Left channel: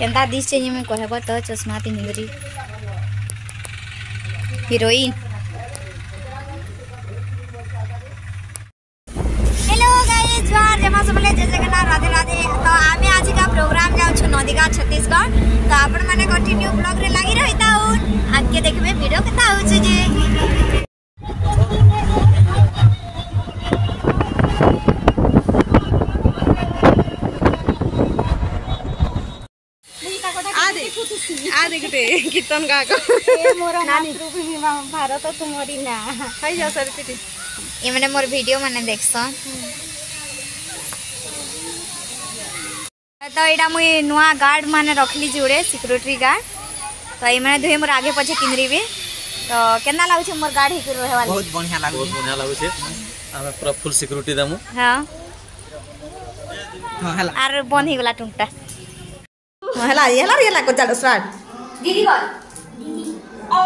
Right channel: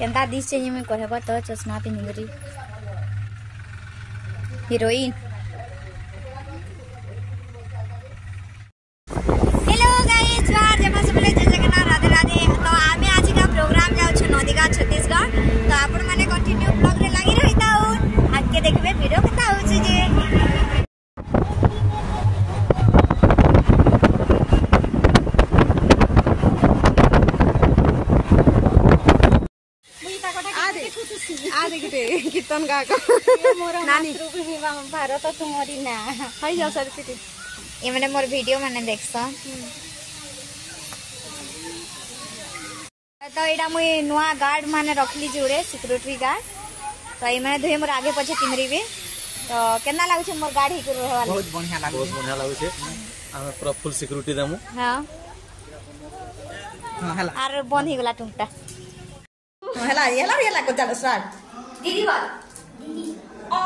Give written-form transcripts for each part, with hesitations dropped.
Kenta दिस चाहिए मैं कहबा त चश्मा पिंदरी हीरोइन। हेलो गाइस जय मां सबले जय जगन्नाथ राधे राधे। तो आमे आज का प्रोग्राम जाउ छ नदीगा छत्तीसगढ़। तो आपण माने कंटिन्यू ब्लॉग रे लागी रहिता हो आगे देखबे वीडियो केता हो छ जे कीर्तन गा नानी भारत तुम्हारी ना हाय जा सर ये माने मोर वीडियो माने देखसन। तो एडा मुई नुआ गार्ड माने रखली जोड़े सिक्योरिटी गार्ड। तो ये माने दुहे मोर आगे पछे तिनरीबे। तो केना लागु छ मोर गार्ड हिकर रहवाली बहुत बढ़िया लागु छे। हम पूरा फुल सिक्योरिटी दमु। हां हां हला आर बंद ही गला टुंटा हला को चलो स्टार्ट। दीदी बोल दीदी ओ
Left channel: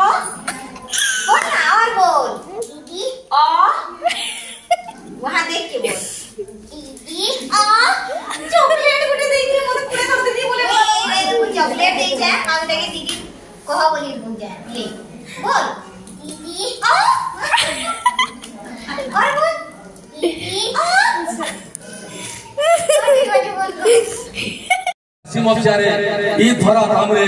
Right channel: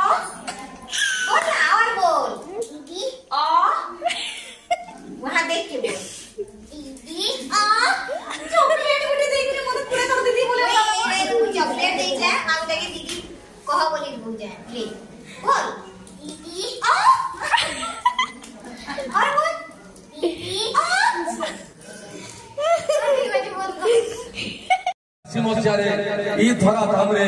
बोल ना और बोल दीदी ओ वहां देख के बोल दीदी ओ चॉकलेट गुटे देख के मोर पूरा कर दीदी बोले ए मुझे चॉकलेट दे जा हम देखे दीदी कहो बोली बुझ जा ले बोल दीदी ओ और बोल दीदी ओ सीमचारे ई धरा धामरे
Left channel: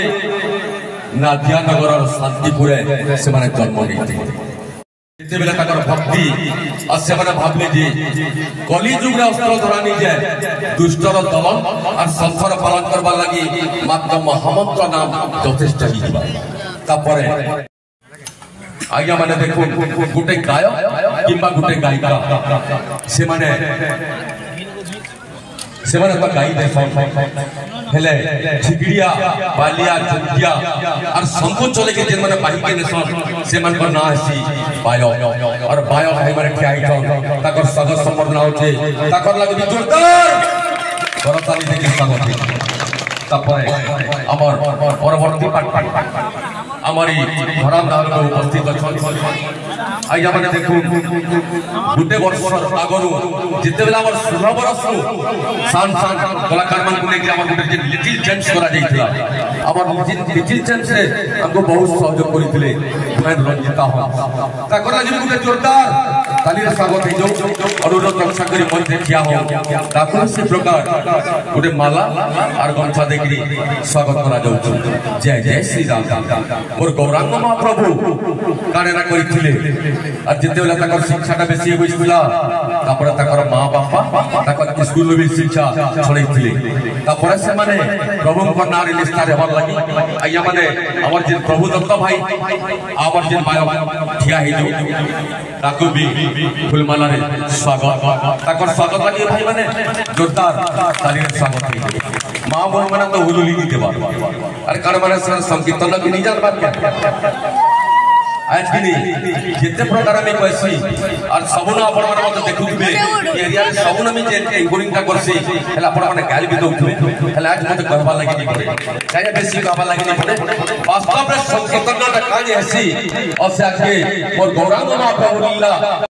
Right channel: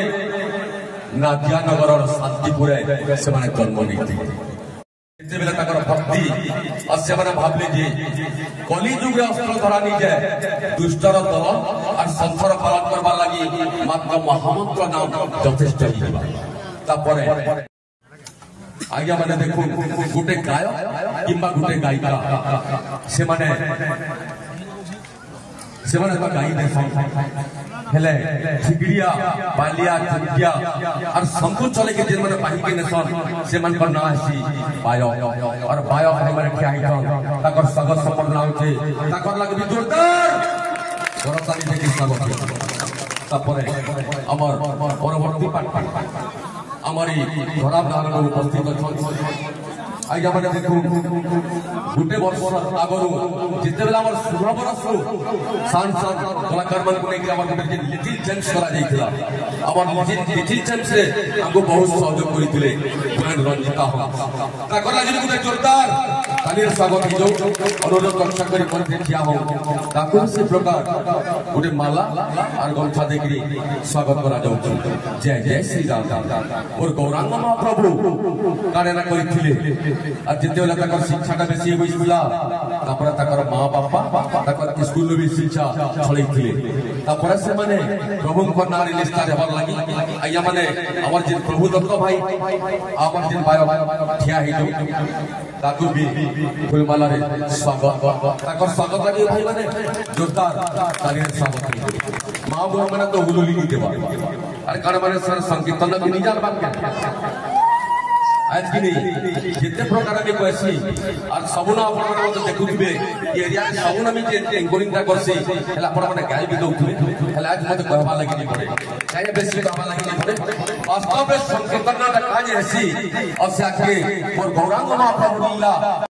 नादियानगर शांतिपुरे से माने जन्म नीति एते बेला ताकर भक्ति और से माने भाबले जे कली युग रे अस्त्र धरा नहीं जाए दुष्टर दमन और संसार पालन करबा लागि मात्र महामंत्र नाम यथेष्ट हिबा तापरे आज्ञा माने देखो गुटे गाय किंबा गुटे गायिका से माने तो गाई देसन हेले ठिकड़िया बालिया चुटिया और संपू चले के जेन माने बाही के नेसन से मन को ना हसी बायो और बायो है माने ठियाई तो ताकर सगस संबर्धना होचे ताकर लगे भी जोरदार बरताली देके स्वागत है। तापरे अमर परवर्ती पाठ हमारी धराम दाल को उपस्थित अछन आइया माने देखो गुटे वर्ष आगरु जिते बेला हमर 16 वर्ष सान कलाकार मन को लेके हमर गुटे लिटिल जेम्स करा जाइथिला। हमर लिटिल जेम्स रे हमको बहुत सहयोग करिथिले फ्रेंड रंजिता हो ताकर लागि गुटे जोरदार ताली रे स्वागत हे जो अनुरोध रक्षा करी मन देखिया हो ताको से प्रकार गुटे माला और गमछा देखि स्वागत करा जाउ। जय जय श्री राम। और गौरांग महाप्रभु कारेना करिथिले और जिते बेला तकर शिक्षाटा बेसी होइसिला तापर तकर मां बापा तकर स्कूल में शिक्षा छळैथिले तापर से माने प्रभु को नारी निष्ठा देबार लागि आइया माने हमर जिन प्रभु दत्त भाई हमर जिन बायो ठिया हे जो ताको भी फुलमाला रे स्वागत तकर स्वागत लागि भाई माने जोरदार ताली रे स्वागत हे। मां बहन माने तो हुलुली नी देबा अरे कान माने संकीर्तन के नहीं जान बात क्या आज की नहीं जिते प्रकार में कहसी और सबुना आपण माने मते देखुथिबे कि एरिया रे सबुना में जे एंकरिंग ता करसी हला आपण माने गाली भी दउथिबे हला आज मते कहबा लागि नहीं पड़े चाहे बेसी कहबा लागि नहीं पड़े वास्तव में संकीर्तन ता कानी हसी और से आज के और गौरांग महाप्रभु लीला